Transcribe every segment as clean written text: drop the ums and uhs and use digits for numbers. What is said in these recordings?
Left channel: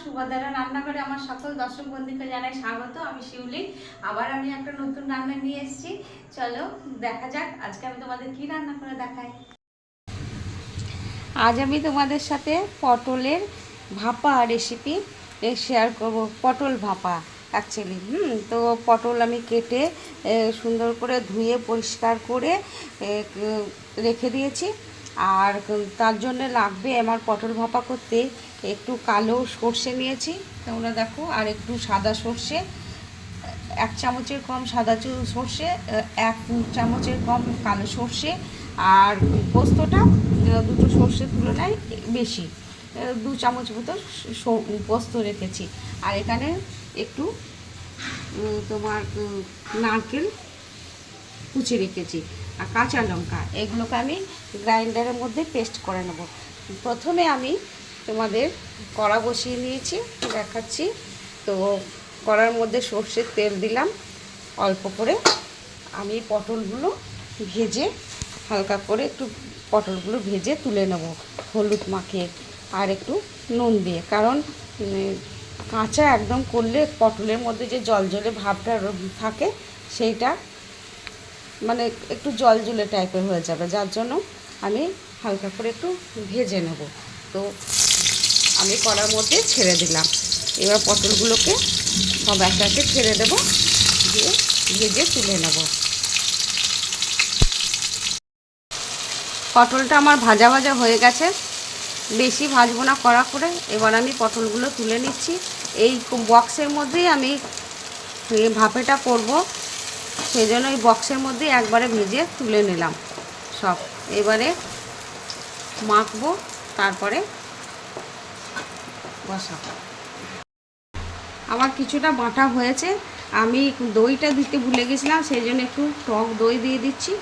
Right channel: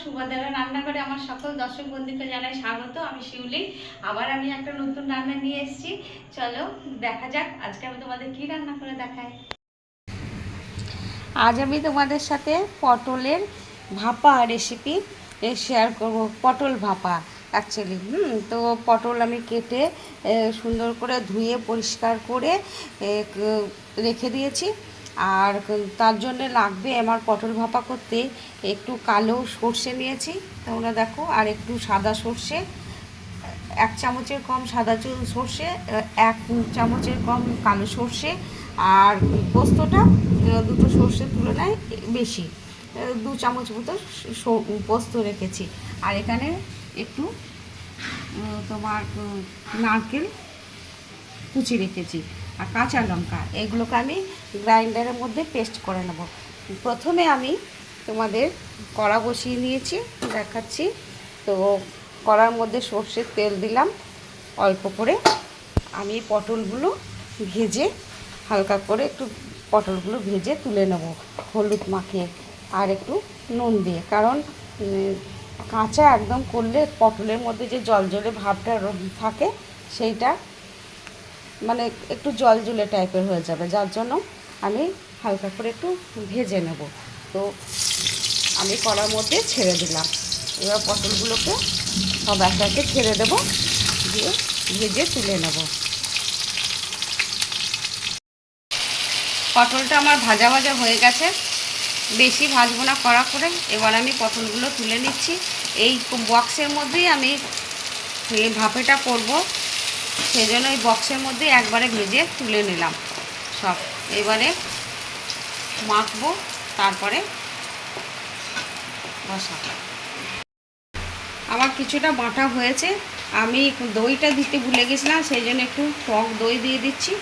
সুভাদারা রান্নাঘরে আমার সকল দর্শক বন্ধুকে জানাই স্বাগত। আমি শিউলি। আবার আমি একটা নতুন রান্না নিয়ে এসেছি। চলো দেখা যাক আজকে আমি তোমাদের কি রান্না করে দেখাই। আজ আমি তোমাদের সাথে পটলের ভাপা রেসিপি শেয়ার করব। পটল ভাপা অ্যাকচুয়ালি তো পটল আমি কেটে সুন্দর করে ধুয়ে পরিষ্কার করে রেখে দিয়েছি। আর তার জন্য লাগবে আমার পটল ভাপা করতে একটু কালো সর্ষে নিয়েছি, তোমরা দেখো, আর একটু সাদা সর্ষে, 1 চামচের কম সাদা সর্ষে, 1 চামচের কম কালো সর্ষে, আর পোস্তটা দুটো সর্ষের তুলনায় বেশি, 2 চামচ মতো পোস্ত রেখেছি। আর এখানে একটু তোমার নারকেল কুচি রেখেছি, আর কাঁচা লঙ্কা। এগুলোকে আমি গ্রাইন্ডারের মধ্যে পেস্ট করে নেব। প্রথমে আমি তোমাদের কড়া বসিয়ে নিয়েছি, দেখাচ্ছি। তো কড়ার মধ্যে সর্ষের তেল দিলাম অল্প করে। আমি পটলগুলো ভেজে হালকা করে একটু পটলগুলো ভেজে তুলে নেব হলুদ মাখিয়ে আর একটু নুন দিয়ে, কারণ কাঁচা একদম করলে পটলের মধ্যে যে জলজলে ভাবটা থাকে সেইটা মানে একটু জলজলে টাইপের হয়ে যাবে, যার জন্য আমি হালকা করে একটু ভেজে নেব। তো আমি কড়ার মধ্যে ছেড়ে দিলাম। এবার পটলগুলোকে সব একে একে ছেড়ে দেবো, দিয়ে ভেজে তুলে নেব। পটলটা আমার ভাজা ভাজা হয়ে গেছে, বেশি ভাজবো না কড়া করে। এবার আমি পটলগুলো তুলে নিচ্ছি। এই বক্সের মধ্যেই আমি ভাপেটা করব, সেই জন্য এই বক্সের মধ্যে একবারে ভেজে তুলে নিলাম সব। এবারে মাখবো, তারপরে বসাবো। আমার কিছুটা বাটা হয়েছে, আমি দইটা দিতে ভুলে গেছিলাম, সেই জন্য একটু টক দই দিয়ে দিচ্ছি।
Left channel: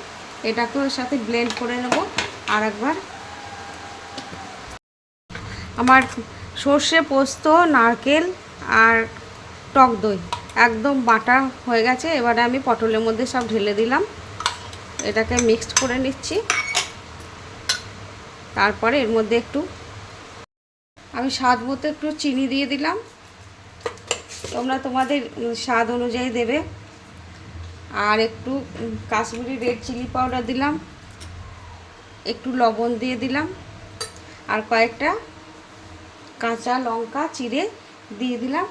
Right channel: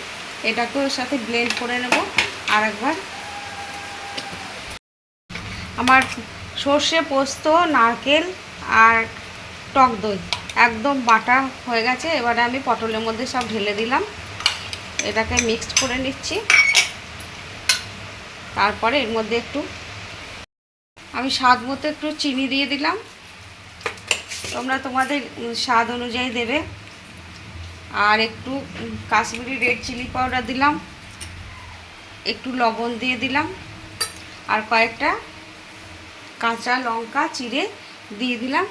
এটাকে ওর সাথে ব্লেন্ড করে নেব আর একবার। আমার সর্ষে, পোস্ত, নারকেল আর টক দই একদম বাটা হয়ে গেছে। এবারে আমি পটলের মধ্যে সব ঢেলে দিলাম, এটাকে মিক্সড করে নিচ্ছি। তারপরে এর মধ্যে একটু আমি স্বাদ মতো একটু চিনি দিয়ে দিলাম, তোমরা তোমাদের স্বাদ অনুযায়ী দেবে। আর একটু কাশ্মীরি রেড চিলি পাউডার দিলাম, একটু লবণ দিয়ে দিলাম, আর কয়েকটা কাঁচা লঙ্কা চিড়ে দিয়ে দিলাম।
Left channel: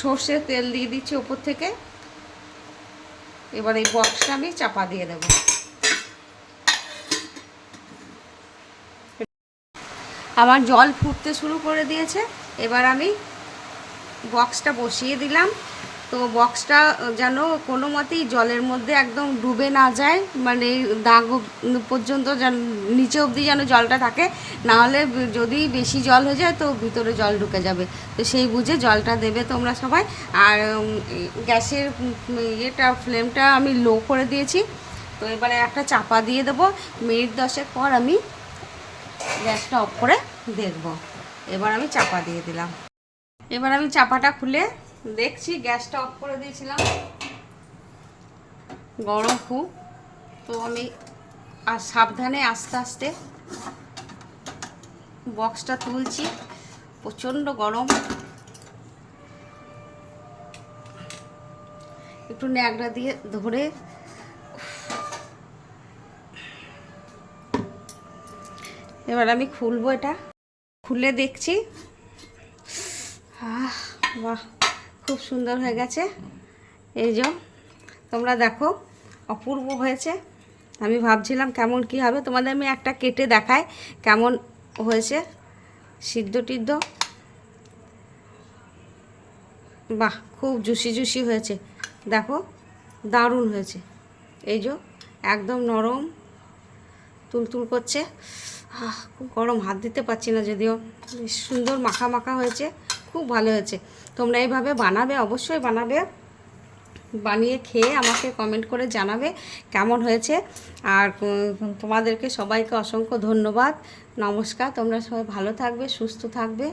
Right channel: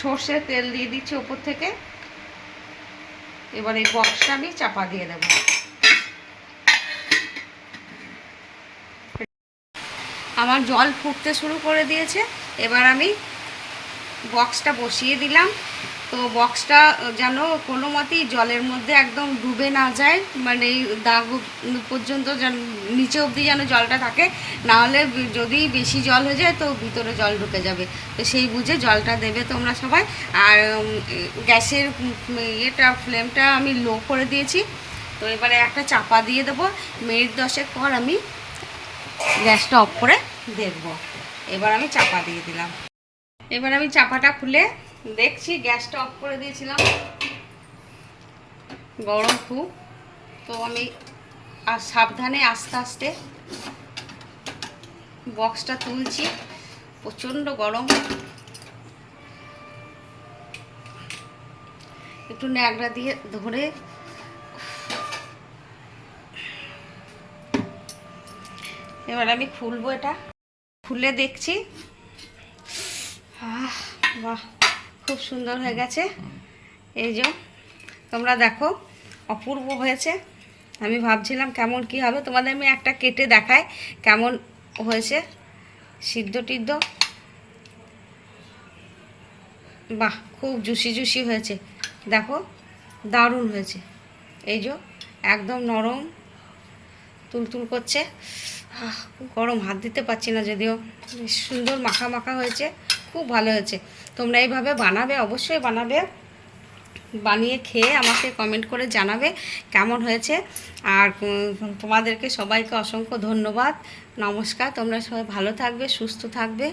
সর্ষের তেল দিয়ে দিচ্ছি ওপর থেকে। এবার এই বক্সটা আমি চাপা দিয়ে দেব। আমার জল ফুটতে শুরু করে দিয়েছে, এবার আমি বক্সটা বসিয়ে দিলাম। তো বক্সটা যেন কোনো মতেই জলের মধ্যে একদম ডুবে না যায়, মানে দাগ পর্যন্ত যেন নিচে অবধি যেন জলটা থাকে, নাহলে যদি বেশি জল হয়ে যায় তো ভিতরে জল ঢুকে যাবে। তো সেই বুঝে জলটা দেবে তোমরা সবাই। আর গ্যাসের ফ্লেমটা আমি লো করে দিয়েছি। তো এবারে একটা চাপা দিয়ে দেবো, মিনিট 10 পর আমি গ্যাসটা অফ করে দেখব। এবার আমি চাপা দিয়ে দিলাম। এবার আমি চাপাটা খুলে দেখছি, গ্যাসটা অফ করে দিয়েছিলাম, গরম খুব। তো আমি আর সাবধানে আস্তে আস্তে বক্সটা তুলছি, প্রচণ্ড গরম। একটু ন্যাকড়া দিয়ে ধরে এবার আমি খুলবো। এটা খুলে দেখছি, বাহ, খুব সুন্দর হয়ে গেছে। এই যে তোমরা দেখো, অপূর্ব হয়েছে। আমি ভাবছিলাম কেমন কি হবে, তোমাদের আমি একটা কেটে দেখাই কেমন হয়েছে, সিদ্ধ টিদ্ধ। বাহ, খুব জুসি জুসি হয়েছে, দেখো, দারুণ হয়েছে। এই যে একদম নরম তুলতুল করছে। খুব গরম, হাত দিতে পারছি না, যদিও সুন্দর মাখা মাখা হয়েছে, খুব ভালো হয়েছে। তোমরা এইভাবে বানাবে, অবশ্যই বানাবে, বানিয়ে খেয়ে আমাকে কমেন্ট করে জানাবে কেমন হয়েছে। আর তোমাদেরকে সবাইকে অসংখ্য ধন্যবাদ, নমস্কার। তোমরা সবাই ভালো থাকবে, সুস্থ থাকবে।